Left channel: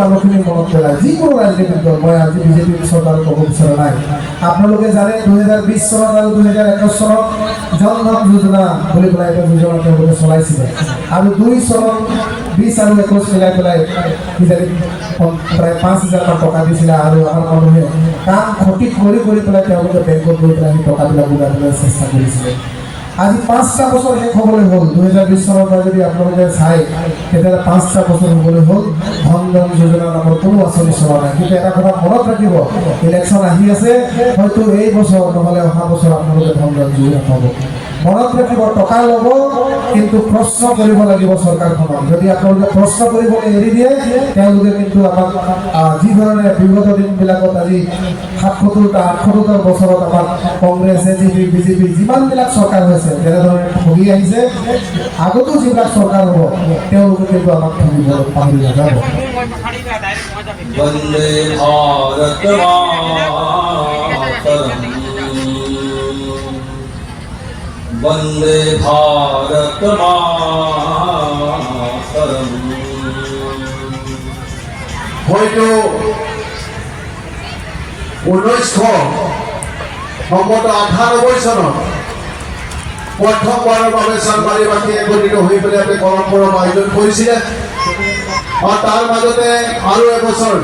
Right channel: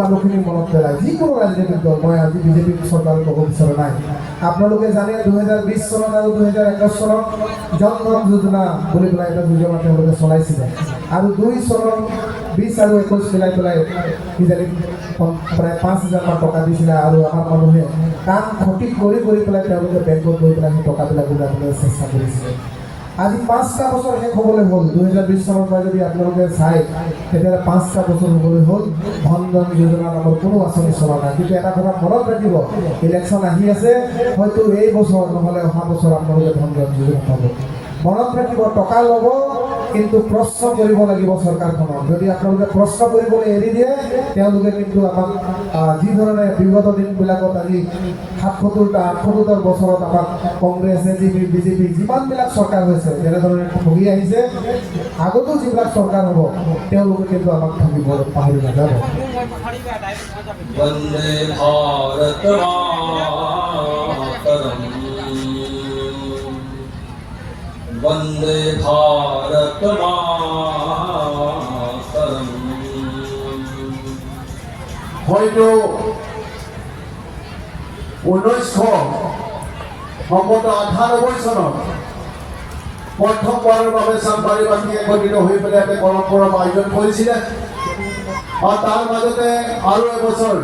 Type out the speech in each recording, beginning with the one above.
মানুহখিনি মনত পেলাই যিকোনো ৰাজনীতিক দল মই আজি বিজেপি চৰকাৰ ক'ব বিচৰা নাই আপোনালোকে জানে 2020 চনত আৰু 2021 চনত জন ধন যোজনা বুলি পেলাই এটা যোজনা তেওঁলোকে চলাইছিলে আৰু 2 চনত 20 আৰু 21 মিলাই পেলাই কিজানি প্ৰায় 5,000 টকা দিছিলে আৰু আমাৰ মানুহে কাম ক্ষতি কৰি পেলাই তেওঁলোকে বেংকত গৈ পেলাই টকাবিলাক উলিয়াবলৈ চেষ্টা কৰিছিলে আজি 5টা বছৰ শেষ হ'বলৈ হ'ল 2020 চনৰ পৰা যদি আপোনালোকে চাই তেতিয়াহ'লে 5টা বছৰ হ'বলৈ হ'ল ধন ধন যোজনা নামৰ কোনো আঁচনি চলা নাই কিন্তু এটা কথা মনত ৰাখিব ইলেকশ্যন আহি আছে হয়তো এই বছৰ নহ'লে অহা বছৰ আপোনালোকে ধন ধন যোজনা পাব মনত ৰাখিব টকা ল'ব কিন্তু প্ৰশ্ন কৰিব লাগিব চৰকাৰখনক যদি আপোনালোকে প্ৰশ্ন কৰিবলৈ এৰি দিয়ে তেওঁলোকে কিন্তু আমাক যি ধৰণে বিগত দিনবিলাকত আজি ৭৭টা ৮৭টা বছৰত আমাৰ কংগ্ৰেছ এজিপি বিজেপি যিমানবিলাক চৰকাৰ হৈছে তেনেধৰণে ঠগি আহিছে আগতো যিবিলাক চৰকাৰ হ'ব তেওঁলোকে কিন্তু আমাক ঠগিব পাহৰি নাযাব বন্দে ভাৰত वंदे भारत मातरम হয়তো 1998 চনত প্ৰথমবাৰৰ বাবে চানমাৰীবাসী একত্ৰিত হৈ পেলাই এটা কলম পৰব আয়োজন কৰিছিলে আৰু তাৰ মাজতে আৰু এবছৰ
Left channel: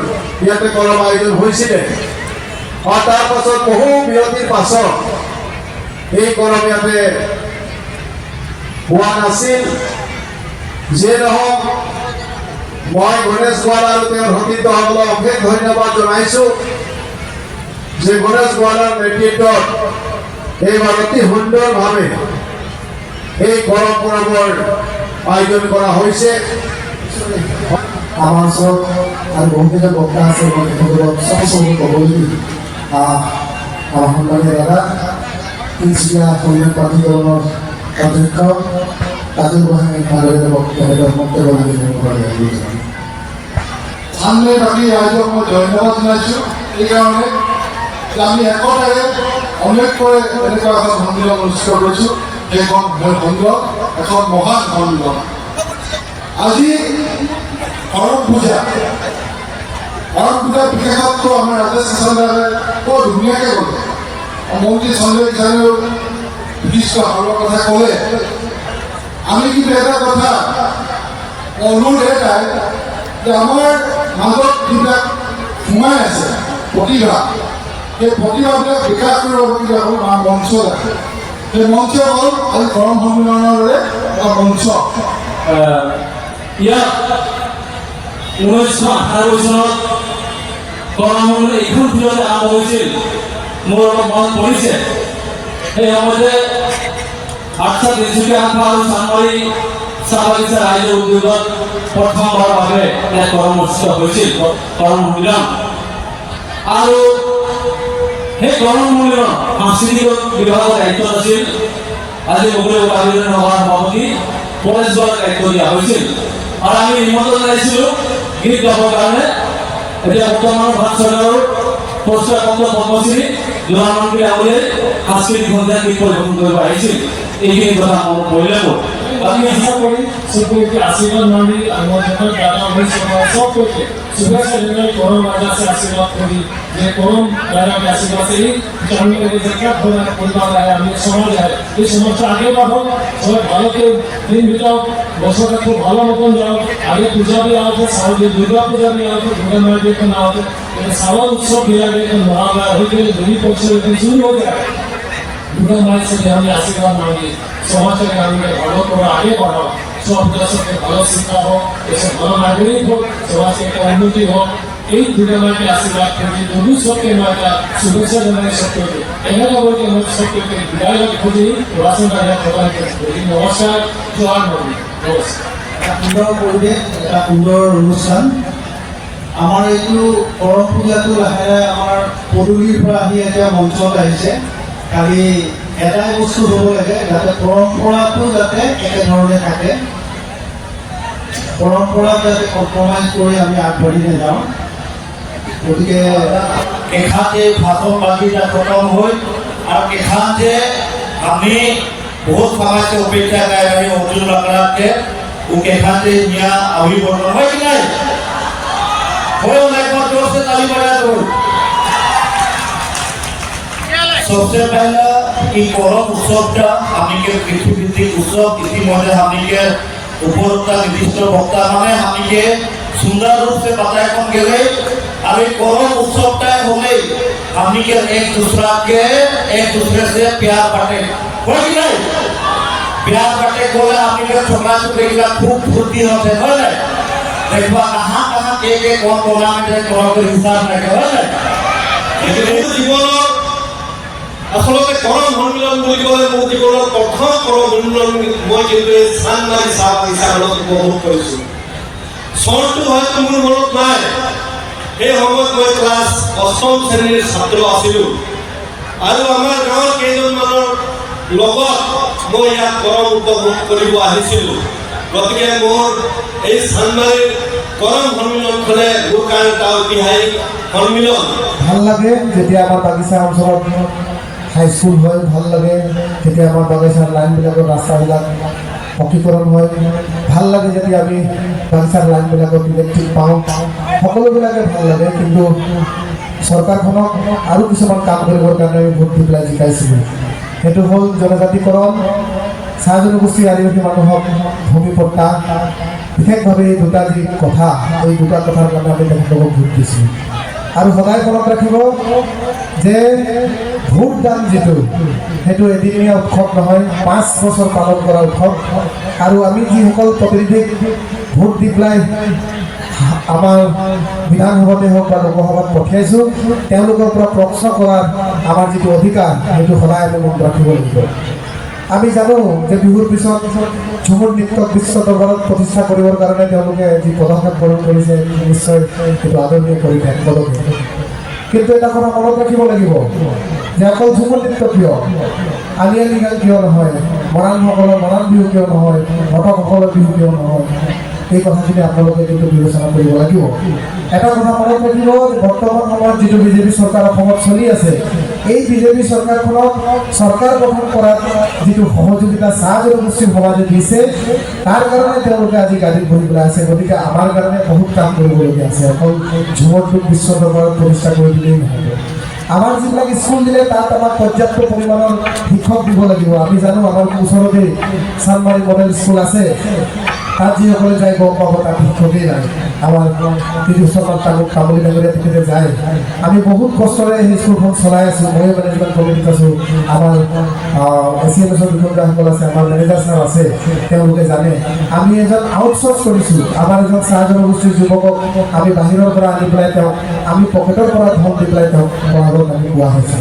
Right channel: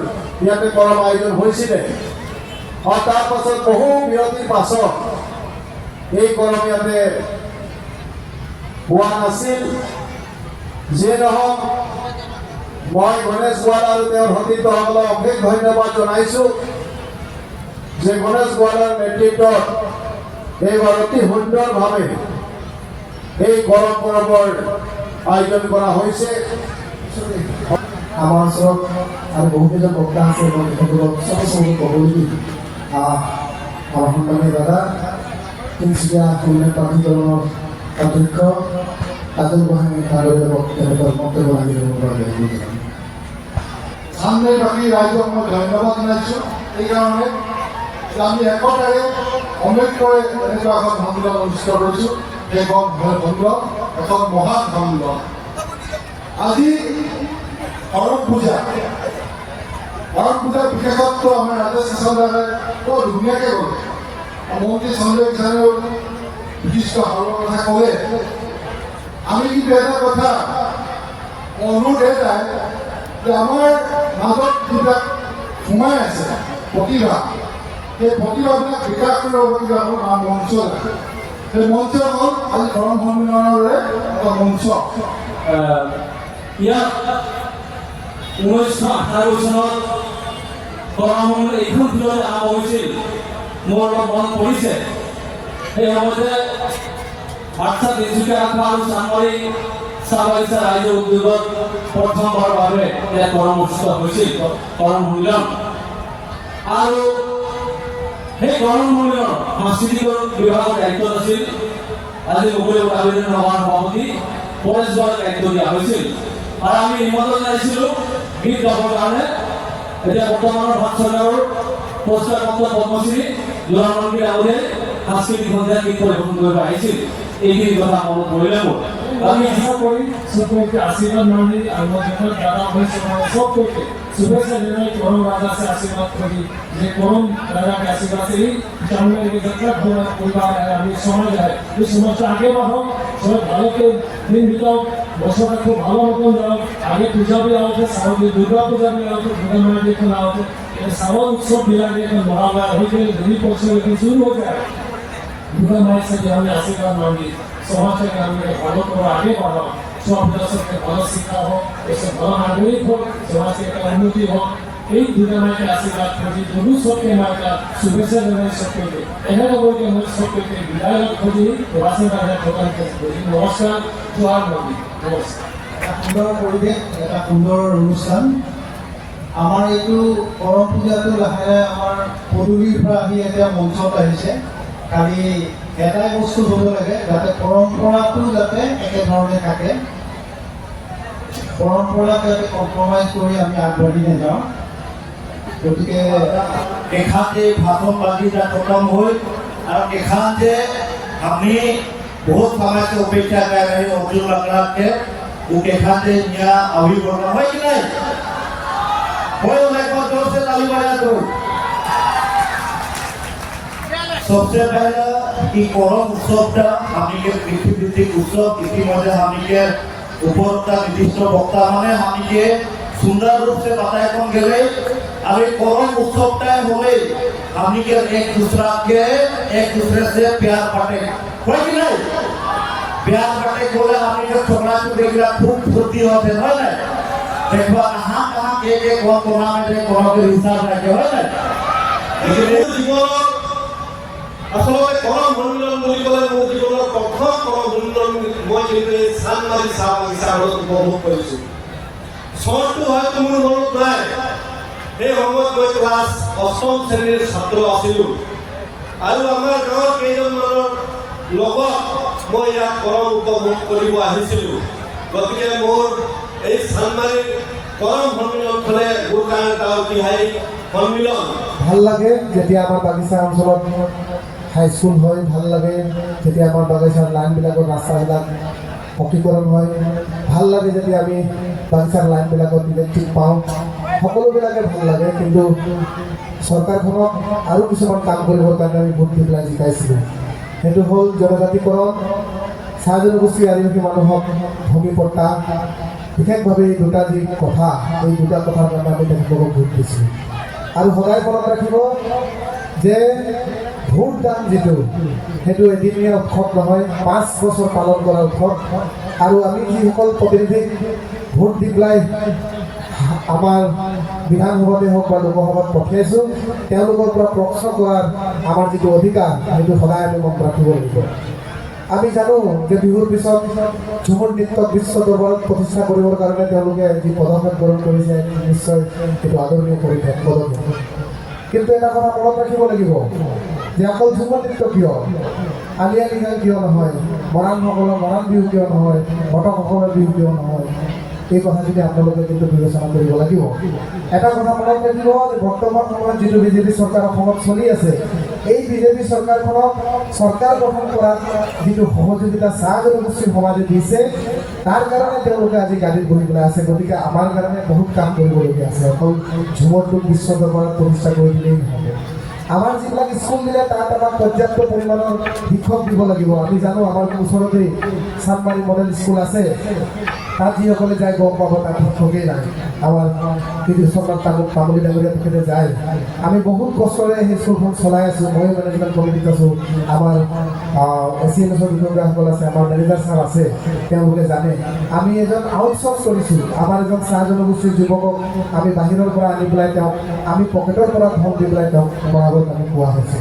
ইয়াতে কলম আয়োজন হৈছিলে আৰু তাৰ পাছত বহু বিৰতিৰ পাছত এই কলম ইয়াতে হোৱা নাছিল যিয়ে নহওক মই গণেশ গোৱালা আৰু তেওঁৰ সতীৰ্থসকলক অশেষ ধন্যবাদ জনাইছোঁ যে গণেশ গোৱালাৰ নেতৃত্বত এইবাৰ অতি সুন্দৰভাৱে এই কলম পৰবৰ আয়োজন কৰা হৈছে আমাৰ ওচৰত আৰু বহুকেইজন বক্তা আছে মই তেখেতসকলক চব ক'বলৈ আমাৰ সন্মানীয় দাদা তিনিচুকীয়া কল্যাণ প্ৰাধিকৰণৰ অধ্যক্ষ তাজুল গোহাঁই ভাগৱতে বক্তব্য লাগি সামনে বাকী ৰাইজক মই ধন্যবাদ জনাইছোঁ এইকাৰণে আমি একতাৰে অনেককৈ এনেকুৱা এখন সন্মিলন অনুষ্ঠিত কৰিছোঁ সেইখন সন্মিলন এখন মহান সন্মিলন আজি অৰণ পূজা বিশেষত্ব আমাৰ ৰাজেশ শাসনে বৰ ধুনীয়াকৈ ক'লে মন্ত্ৰী সঞ্জয় কিষাণেও বিশিষ্ট সাৰৰ কথা ক'লে আমি কিন্তু এটা কথা অনুৰোধ এটাই যে আমাৰ মাজত যিবিলাক সোমাই আছে প্ৰতিভা সেই প্ৰতিভাবিলাক বিকাশ কৰিব কিন্তু আমাৰ মঞ্চ আছে সেই মঞ্চ হ'ল আজি কৰম সন্মিলনৰ দৰে এটা মঞ্চ ইয়াত 1998 চনত কৰম সন্মিলন এইখন ফিল্ডত আৰম্ভ হৈছিল মোৰ মনত পৰিছে সেই সময়তে আঠটা তিনিচুকীয়া আঠা আৰু চানমাৰী চাহ বাগিচা ৰাইজৰ উদ্যোগত প্ৰথমবাৰৰ বাবে এক কৰম অনুষ্ঠিত হৈছিল কৰম সন্মিলন আৰু সেই কৰম সন্মিলন সাংস্কৃতিক বিভাগৰ দায়িত্বত আছিল আজি মুকলি কাবিনেট সভাৰ সভাপতি পৰেশ বৰাক দায়িত্ব দিয়া হৈছিল আৰু আমি নিমন্ত্ৰণ জনাইছিলোঁ গীত গাবৰ কাৰণে এতিয়া বৰ্তমানৰ ভাৰত চৰকাৰৰ পুৰস্কাৰ প্ৰাপ্ত পদ্মশ্ৰী দুলামণি ডাঙৰীয়াই সাংস্কৃতিক সন্ধিয়া গীত পৰিৱেশন কৰিব আহিছিল এইখিনি কথা মনত পৰিলে মোৰ আমি আশা করি সকলকে আশীর্বাদ মানি আমার যখন দাদা অনুষ্ঠান সকলকে শুভেচ্ছা জানাই করম রাজাকে আশীর্বাদ করি যে করম রাজাকে আশীর্বাদ করি জানলে এই জায়গা ঘোরা পরিবার আমি সমাজ হয় এই সমাজটা আগে বাড়ো সবাই ভালো করে দিন বিতাও বছরটা খুব ভালো মতন যাও আগে পূজা भी आओ सारे दुर्गा पूजा भी आओ दुर्गा माई भी तो आओ सारा उत्सव मिला के मुहावरा हो गए दुर्गा पूजा शुरू हो जाए दुर्गा माई से हमें आशीर्वाद मांगी समाज के भालो करो आगे बढ़ो सब दर्शक भालो शिक्षा हो ऐसे भालो नागरिक हो समाज के उन्नति हो এই দুর্গা মাকে আশীর্বাদ করি দুর্গু সত্যি মাতা শুভেচ্ছা জানাই সত্যকে এখানে আমাকে আমার সত্যকে বিদায় খুঁজে রাসন রাজা প্রদান করি নমস্কার জয় মন্দির নমস্কার এটা সুন্দৰ পৰিৱেশ এটা সুন্দৰ অনুষ্ঠান আমাৰ এইটো কৰম পূজাটো লাহে লাহে আমাৰ পদূলিৰ পৰা আহি এতিয়া মঞ্চত আহিছে খালি এটাই বস্তু হ'ব লাগে যাতে পৰম্পৰাটো যাতে একেধৰণে থাকে পৰম্পৰা যাতে কম্প্ৰমাইজ কৰি আমি আগবাঢ়ি নাযাওঁ গতিকে এখাতে ভাষণ বাগিটা খতম হৈ আৰু এখাতে আমি বহুত সময়তে অপেক্ষা কৰি আমি অতুল লাগাকে এখাতে নিয়া অভিৱৰ্তন হয় নাই बोलो मैं एक बार जोर से ताली बजा दो। सबसे पहले এই করম উৎসবটা আমাদের পৃথিবীভিত্তিক উৎসব ইতিমধ্যে আমাদের উপরোক্ত নির্দিষ্ট বক্তা মানে আমাদের সুন্দর रूप से बताया कौन गए और ये करम उत्सवটা হলে আমাদের एक दूसरे से प्यार बांटे হয় কি নাই प्यार बांटे बोले আমাদের छोकरा छोकरी खूब फुर्ती होते হয় না देखवा कहां कहां के कोना में जाए कोनो के हिसाब ना के হয় না কিন্তু জীবনৰ আচলতে কৰম সন্মিলন বুলি ক'লে মোৰ জীৱনৰ প্ৰথম কৰম সন্মিলন মই কিন্তু চানমাৰী চাহ বাগিচাত উপভোগ কৰিছোঁ চনটো হয়তো মোৰ মনত নাই সেই সময়ত মই ক্লাছ ৮ম শ্ৰেণীৰ ছাত্ৰ আছিলোঁ আৰু আমাৰ গাঁৱৰ কেইজনমানৰ লগত মই ইয়াত কৰম উপভোগ কৰিব আহিছিলোঁ গতিকে মোৰ এই চানমাৰীৰ কৰম সন্মিলনখনে মোৰ কাৰণে এটা ঐতিহাসিক সন্মিলন ভাল লাগে যেতিয়া আমাৰ বাগিচা অঞ্চলত হাইস্কুল হয় ভাল লাগে যেতিয়া আমাৰ বাগিচাৰ লাইনবিলাকৰ ৰাস্তাবিলাক পকীকৰণ হয় ভাল লাগে যেতিয়া আমি বাগিচাৰ লাইনবিলাকত ইলেক্ট্ৰিক পাওঁ সকলোবিলাকে ভাল লাগে কিন্তু চৰকাৰখনক আৰু কিছুমান কাম কৰিবৰ কাৰণে আমি ভোট দি পেলাই জিকাইছিলোঁ সেইটো হ'ল জনজাতিকৰণ চাহ জনগোষ্ঠী আদিবাসী মানুহক ভূমি পট্টা বিশেষভাৱে এই দুটা যি কথা এই দুটা কথাৰ কাৰণে আমি তেখেতলোকক ভোট দিছিলোঁ আৰু সদায় মনত ৰাখিব যে ভোট দান যিটো সেইটো এদিনীয়া উৎসৱ নহয় 5 বছৰ পালন কৰা উৎসৱ আৰু আমি যিসকল প্ৰতিনিধিক ভোট দি পেলাই আমাৰ বিধানসভাতে হওক বা লোকসভাত পঠিয়াইছোঁ তেওঁলোকৰ পৰা প্ৰশ্ন কৰাৰ আমাৰ যিটো অধিকাৰ সেইটো সদায় আমি মনত ৰাখিব লাগিব আমি জানো যে বিহুৰ পিছত ঝুমুৰ নৃত্যক বিশ্ব দৰবাৰত প্ৰতিষ্ঠা কৰিবৰ কাৰণে তেওঁলোকে যি পদক্ষেপ গ্ৰহণ কৰিছে নিশ্চয় সেইটো আদৰণীয় পদক্ষেপ কিন্তু এটা কথা মনত ৰাখিব লাগিব যে অকল ঝুমুৰ নৃত্য কিয় আলিয়ালি গান কিয় নহয় মৰাণসকলৰ মৰাণ বিহু কিয় নহয় ভটকসকলৰ বিহু কিয় নহয় এই কথাখিনি আপোনালোকে কিন্তু বিবেচনা কৰিব লাগিব এটা কথা মনত ৰাখিব বৰ্তমান সময়ত যিটো বিজেপি চৰকাৰ অসমত চলি আছে এই বিজেপি চৰকাৰখনক চৰকাৰ গঠন কৰাত যিটো সহযোগিতা চাহ জনগোষ্ঠীৰ সমাজে দিছে তাৰ কাৰণে তেওঁলোকে আজি গাড়ীত বহি পেলাই আছে গতিকে আমাৰ কাৰণে বহুত কাম কৰিবলগীয়া আছে অকল ঝুমৰটোক বিশ্ব দৰবাৰত প্ৰতিষ্ঠা কৰি দিলেই নহ'ব আমাৰ যিবিলাক স্কুল দিলে তাত আমাক পৰ্যাপ্ত পৰিমাণৰ শিক্ষক দিব লাগিব আমি জানো আমাৰ ওচৰতে চানমাৰী মডেল স্কুল আছে তাত যিসকলে যায় গম পাব তাত শিক্ষকেই নাই আমাৰ তিৰুচনত তামুলী ডাঙৰীয়া তেখেতে যায় আমি বহুত কষ্টৰে সেই স্কুলখন চলাই আছোঁ মই মেনেজমেণ্ট কমিটিত আছোঁ আমাৰ এচিএমএছৰ বিষয়াসকল আছে আমাৰ মেনেজাৰ ছাৰ আছে তেওঁলোকে জানে আমি এজন আউটচৰ্চ কৰিছোঁ আমাৰ এজন চাহ জনগোষ্ঠীৰ যুৱকক আমি বাহিৰৰ পৰা আনি পেলাই তেওঁক আমি পকেটৰ পৰা ধন দি পেলাই তেওঁক পঢ়াবৰ কাৰণে কোৱা হৈছে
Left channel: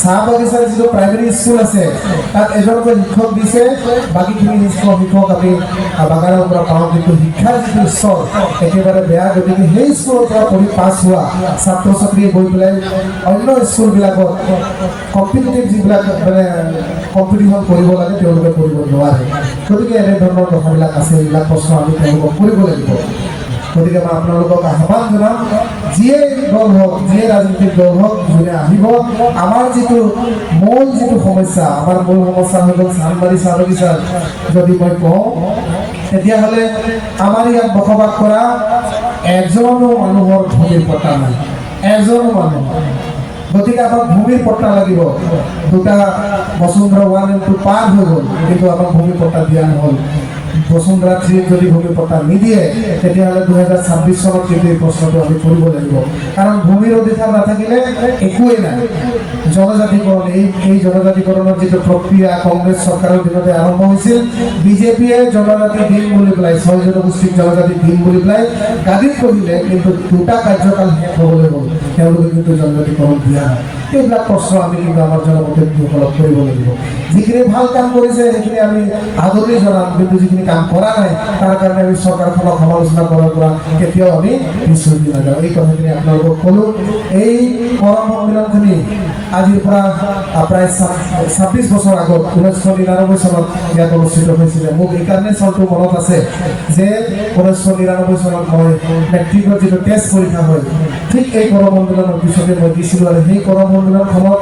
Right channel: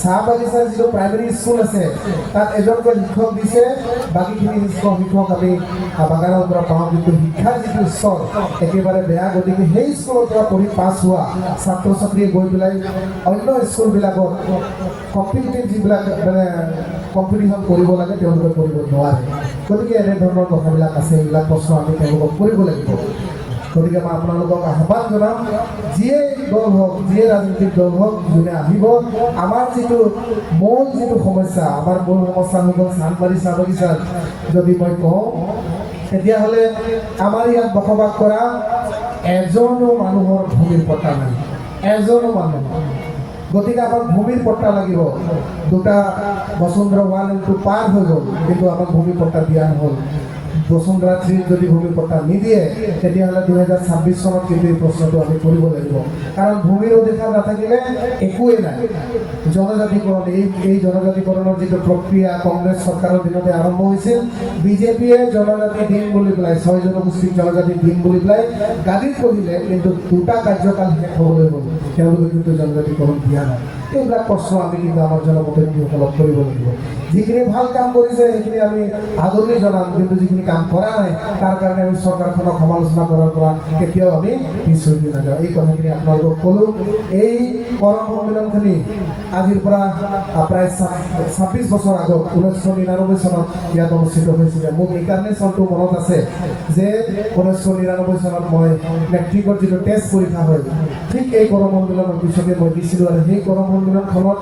চাহ বাগিচাৰ যিটো প্ৰাইমেৰী স্কুল আছে তাত এজনকৈ শিক্ষক দিছে বাকীখিনি শিক্ষক আমি বাগানৰ পৰা পাওঁ কিন্তু শিক্ষাৰ যিটো স্তৰ একেবাৰে বেয়া গতিকে সেই স্কুলৰ পৰা পঢ়ি পাছ হোৱা ছাত্ৰ ছাত্ৰীয়ে গৈ পেলাই অন্য স্কুলবিলাকত কম্পিটিটিভ যিবিলাক মানে কম্পিটিশ্যন কৰিব লাগে তেওঁলোকে কৰিব নোৱাৰে গতিকে এনেধৰণৰ কথাবিলাক আছে এইবিলাক প্ৰশ্ন আমি তেওঁলোকক কৰিব লাগিব গতিকে মই আপোনালোকক আহ্বান জনাম যিয়ে দল হওক যিয়ে ৰাজনৈতিক দল হওক যোনে আহিব আমাৰ যিটো মূল যিটো সমস্যা আমাৰ মূল সমস্যা হৈ গ'ল চানমাৰী চাহ বাগিচাৰ যদি মই কওঁ তেতিয়াহ'লে আমাৰ ইয়াত বসবাস কৰা এজনো মানুহৰ ভূমিৰ পট্টা নাই এজনো মানুহ গতিকে আমাক ভূমিৰ পট্টা লাগিব দুটা বসুন্ধৰা 1 and 2 পাৰ হৈ গ'ল কিন্তু আমাক ভূমিৰ পট্টা দিয়া নহ'ল বসুন্ধৰা 3 যদি ভূমি পট্টা নিদিয়ে তেতিয়াহ'লে 2026 চনত কিন্তু এই প্ৰশ্নটো আমি কৰিব লাগিব কাৰণ ভূমিৰ অধিকাৰ নাথাকিলে একোৱেই নাই জনজাতিকৰণ এই জনজাতিকৰণৰ যিটো প্ৰক্ৰিয়া কংগ্ৰেছ চৰকাৰৰ দিনতে আৰম্ভ হৈছিল বিজেপিয়ে জনজাতি দিন বুলি পেলাই 6 জনগোষ্ঠীক জনজাতি দিন বুলি পেলাই গাদীত বহিলে কিন্তু দুটা কাৰ্যকাল শেষ হ'বলৈ গ'ল তেওঁলোকে কিন্তু জনজাতিকৰণ দিয়া নাই এইবিলাক প্ৰশ্ন আমি কিন্তু আমাৰ জনপ্ৰতিনিধিসকলক কৰিব লাগিব যিখিনি ভাল কাম কৰিছে সেইখিনি আমি আদৰণি জনাম কিন্তু যিখিনি কাম কৰা নাই তাৰ কাৰণে আমি চৰকাৰখনক সমালোচনা কৰাৰ পৰা কেতিয়াও আমি পিছ হৈ নাযাওঁ এই কথাখিনি আপোনালোকক ক'লোঁ এই কৰম সন্মিলনখিনি আজিৰ পৰা প্ৰায় 26 বছৰ আগত 1999 চনত ইয়াত অনুষ্ঠিত হৈছিলে মোক এইকাৰণে চনটো মনত আছে যে 1999 চনত মই মেট্ৰিকৰ যিটো টেষ্ট পৰীক্ষা হয় ঠিক এই কৰম সন্মিলনৰ পিছতে মই দিছিলোঁ আৰু সেই কৰম সন্মিলনখনত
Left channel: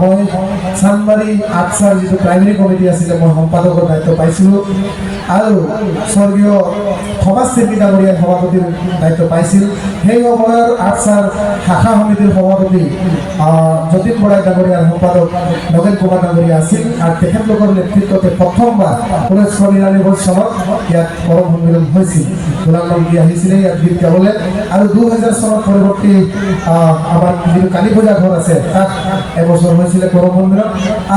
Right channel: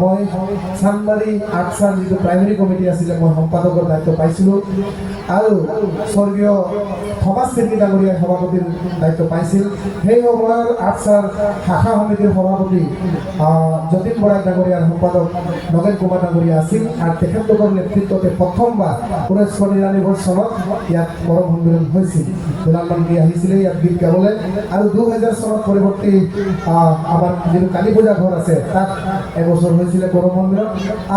মই চানমাৰী আটছাৰ যিটো প্ৰাইমেৰী কমিটি আছিলে মই সম্পাদকৰ দায়িত্ব পাইছিলোঁ আৰু স্বৰ্গীয় সমাজ শিল্পী ডাঙৰীয়াৰ সভাপতিৰ দায়িত্ব পাইছিল। সেই সময়ৰ আৰ্টছাৰ শাখা সমিতিৰ সভাপতি যতীন বৰাই ডাঙৰীয়াৰ সম্পাদক নগেন কুমাৰ ডাঙৰীয়া আছিল আৰু তেখেতলোকৰ নেতৃত্বতে প্ৰথমবাৰ 1999 চনত ইয়াত কৰম সন্মিলন হৈছিল। গোলাম নন্দী আহিছিলে ইয়াত গীত গাবলৈ আৰু 2000 চনত পৰৱৰ্তী আমাৰ যিটো কালী পূজা ঘৰ আছে তাত এবছৰ হৈছিলে কৰম সন্মিলন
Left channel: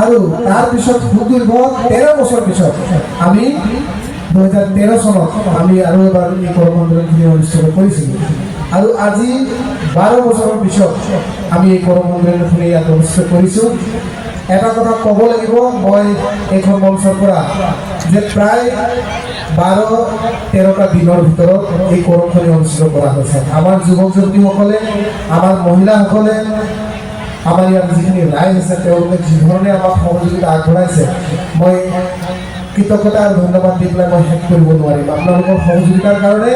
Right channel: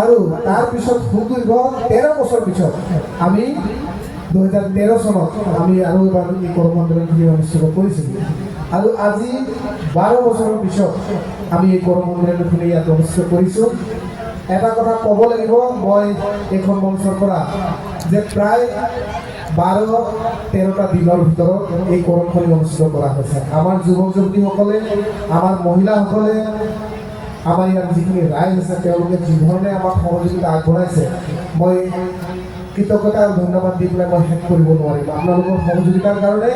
আৰু তাৰপিছত সুদীৰ্ঘ 13 বছৰ পিছত আমি 2013 চনত আমি আৰু এবাৰ এই কৰম সন্মিলনখিনি অনুষ্ঠিত কৰিছিলোঁ আৰু আজি 12 বছৰৰ পিছত আমি এই কৰম সন্মিলনখিনি ইয়াত অনুষ্ঠিত কৰিছোঁ। এটা কথা ক'ব লাগিব, মই এইখন মঞ্চৰ পৰা যে প্ৰায় 12-13টা দিনৰ ভিতৰত এই কৰমখিনি অনুষ্ঠিত কৰা হৈছে। আমাৰ যুৱক যুৱতীসকলে, আমাৰ মহিলাসকলে, আমাৰ ইয়াত যিখিনি ৰাইজ আছে তেওঁলোকে যি ধৰণে আমাক সহযোগিতা আগবঢ়াইছে, মই কৃতজ্ঞতা আৰু ধন্যবাদ দি পেলাই মই শেষ কৰিব নোৱাৰিম। আপোনালোকৰ সহযোগিতাৰ কাৰণে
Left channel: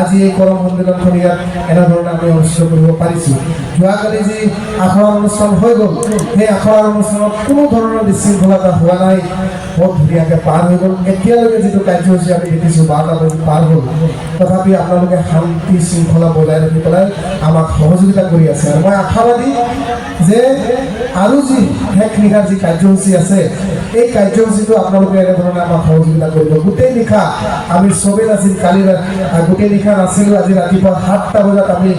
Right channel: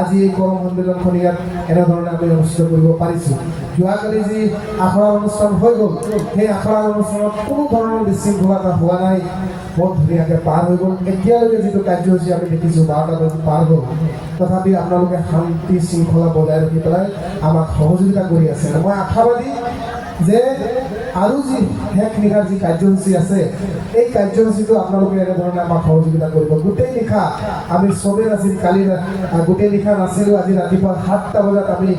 আজি এই কৰম সন্মিলনখন ইয়াত এনেধৰণে আমি অনুষ্ঠিত কৰিব পাৰিছোঁ। যোৱাকালি যি আখৰাৰ অনুষ্ঠান হৈ গ'ল, সেই আখৰাৰ অনুষ্ঠানত কোনো ধৰণৰ বিশৃংখলতা হোৱা নাই, বহুত ধুনীয়াকৈ পাৰ হৈ গ'ল। এতিয়ালৈকে যিটো কাৰ্যসূচী আমি দেখিছোঁ 12টা বাজি পাৰ হ'ল, তথাপি আপোনালোকে শান্তি শৃংখলা বজাই ৰাখি পেলাই আমাক সহযোগিতা কৰি আছে। আৰু মই আশাবাদী যে আৰু যি শেষ নিশাৰ যি কাৰ্যসূচী আছে এই কাৰ্যসূচীটো আপোনালোকে এনেধৰণে আমাক সহযোগিতা কৰিব। গোটেই নিশা আমি চবেই নাছিল, কালি গোটেই নিশা নাছিলোঁ। আজি ৰাতিপুৱা 7টা বজাত আমি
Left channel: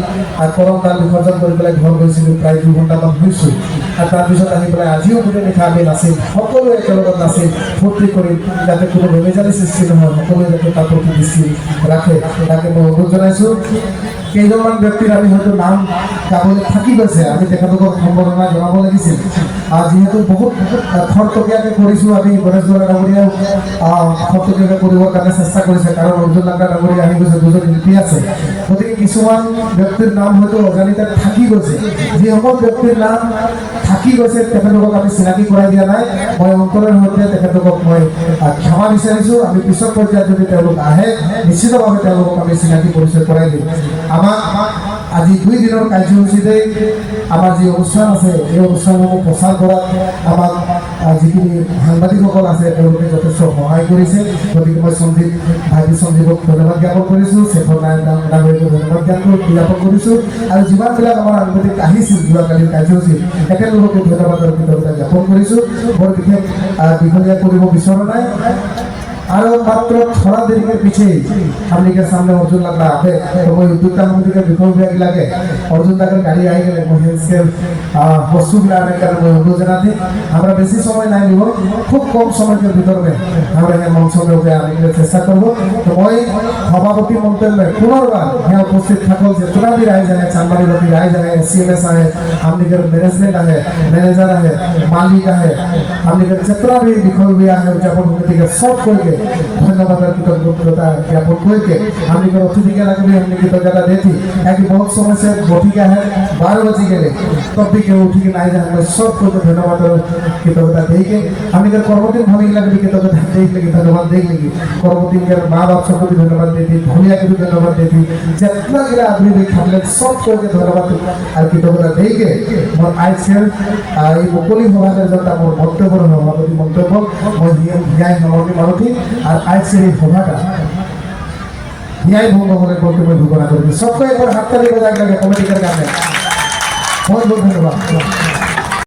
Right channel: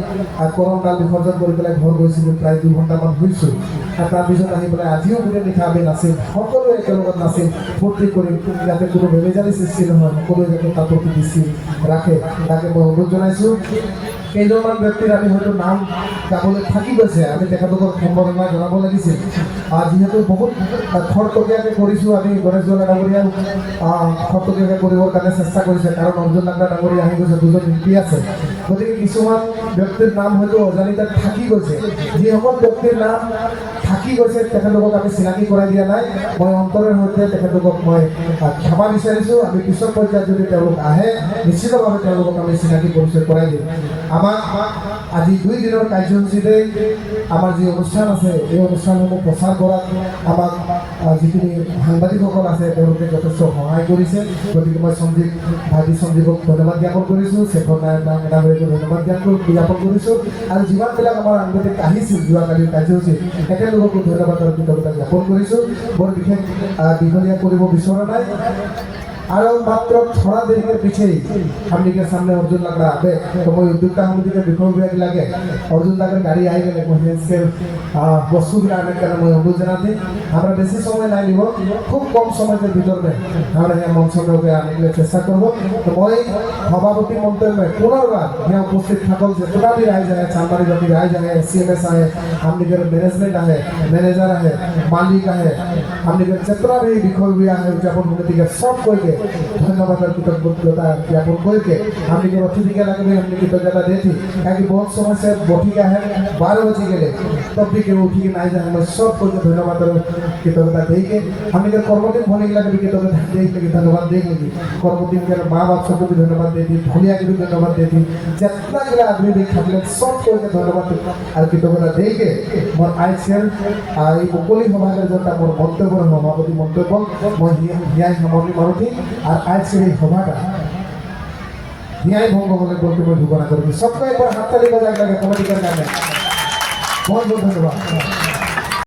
কৰম তাল বিসৰ্জন কৰি পেলাই ঘৰ গৈছিলোঁ, প্ৰায় 2 ঘণ্টামান হৈছোঁ আৰু তাৰপিছত আহি পেলাই আজিও গোটেই নিশা আমি নাছিল, সকলোৱে একেলগত নাছিল, ফূৰ্তি কৰি যাতে কোনো বেমেজালি সৃষ্টি নহয়, সকলোৱে যাতে তাৰ প্ৰতি দৃষ্টি ৰাখে তাকে মই অনুৰোধ জনাইছোঁ। কেইজনমান ব্যক্তিৰ আমি হয়তো নাম গাবলৈ থাকি গৈছে, আমি তেখেতলোকক সম্বৰ্ধনা জনাব লাগিছিল। যিহেতু বহুত খৰতকীয়াকৈ কৰিছোঁ, আমি গণেশ বৰা ডাঙৰীয়াও খৰতকীয়াকৈ কৰিবৰ কাৰণে চেষ্টা কৰিছে, কাৰণ অৰ্জুন লাংগা ডাঙৰীয়া আহি গৈছে, 2জন শিল্পী আছে। গতিকে কিছুমান ব্যক্তিৰ নাম হয়তো অজানিতে থাকি গৈছে। যিসকল ব্যক্তিৰ নাম থাকি গৈছে তেখেতলোকক আমি চিনাকি কৰাই দিয়া নাই। মই অন্তৰৰ সৈতে তেখেতলোকক মই ক্ষমা বিচাৰিছোঁ। আমি পিছৰ পৰ্যায়ত যদি তেওঁলোক আহে নিশ্চিতভাৱে তেওঁলোকক আমি চিনাকি পৰিচয় কৰাই দিম। আমাক আজি 2 দিনৰ কাৰ্যসূচীতে আমাৰ যি অনুষ্ঠান আছে এই অনুষ্ঠানসমূহ প্ৰচাৰ কৰাত আমাক যিখিনি সাংবাদিকসকল আছে তেওঁলোকে যথেষ্ট সহায় কৰিছে। গতিকে মই ভাইটি সঞ্জীৱক ধন্যবাদ জ্ঞাপন কৰিছোঁ, শেখৰ নাৰায়ণ ডাঙৰীয়াক ধন্যবাদ জ্ঞাপন কৰিছোঁ আৰু যিমানবিলাক আমাৰ সাংবাদিক আহিছিল যোৱাকালিৰ কাৰ্যসূচীত তেখেতলোককো ধন্যবাদ আৰু কৃতজ্ঞতা জ্ঞাপন কৰিছোঁ। বৰ বিশেষ দীঘলীয়া কৰিব বিচৰা নাই। आरो मात्र थोड़ा देर के पीछे हमने के सामने अर्जुन लग रहा है तो मैं उद्योगता मंत्री के विक्रम विभाग लगे अर्जुन दाकर गाड़ी आई गए महेश के वस्तु गिराने का मैं अनुरोध जनाते हमारा बेसी समय नहीं लिबो खूब कम समय के भीतर में हमारे यहाँ मंच में उठे आने के लिए चेष्टा करबो तो मैं सभापति मंत्री पुनर्बार यहाँ उपस्थित থাকল जितना भी राय जाए चांबारी नदी राय जाए सीएमएस आए हमने के मैनेजमेंट आए मैनेजर आए मालिक आए हमने के जितना भी विक्रम विभाग है उद्यापन समिति के सब करके धन्यवाद और कृतज्ञता ज्ञापन करके हमने के अतिथि के लगे हमने कृतज्ञता देती क्योंकि बहुत समय से बठिका है 12 बजे गए तब भी के उठी के नहीं जाए मैं सब को धन्यवाद और कृतज्ञता दे के हमने के कर्मचारी भूमि लगे कृतज्ञता दे के धन्यवाद दे के कर्मचारी के मां बाप सबको धन्यवाद देती भूलिया के धन्यवाद देती जितना के आदमी भी खाले सब को धन्यवाद और कृतज्ञता दे के और आज के এই মুকলি সভাৰ জনতা মোৰ মন্তব্য সভাপতি মন্তব্য মই ন্যায় নমনি মাৰুতি আর আজকে এই সভাটা ন্যায় ভঙ্গ হলে বলতে মই ঘোষণা করি सबको एक बार हाथ ताली बजा के कमेटी कर गाने बहुत बहुत धन्यवाद।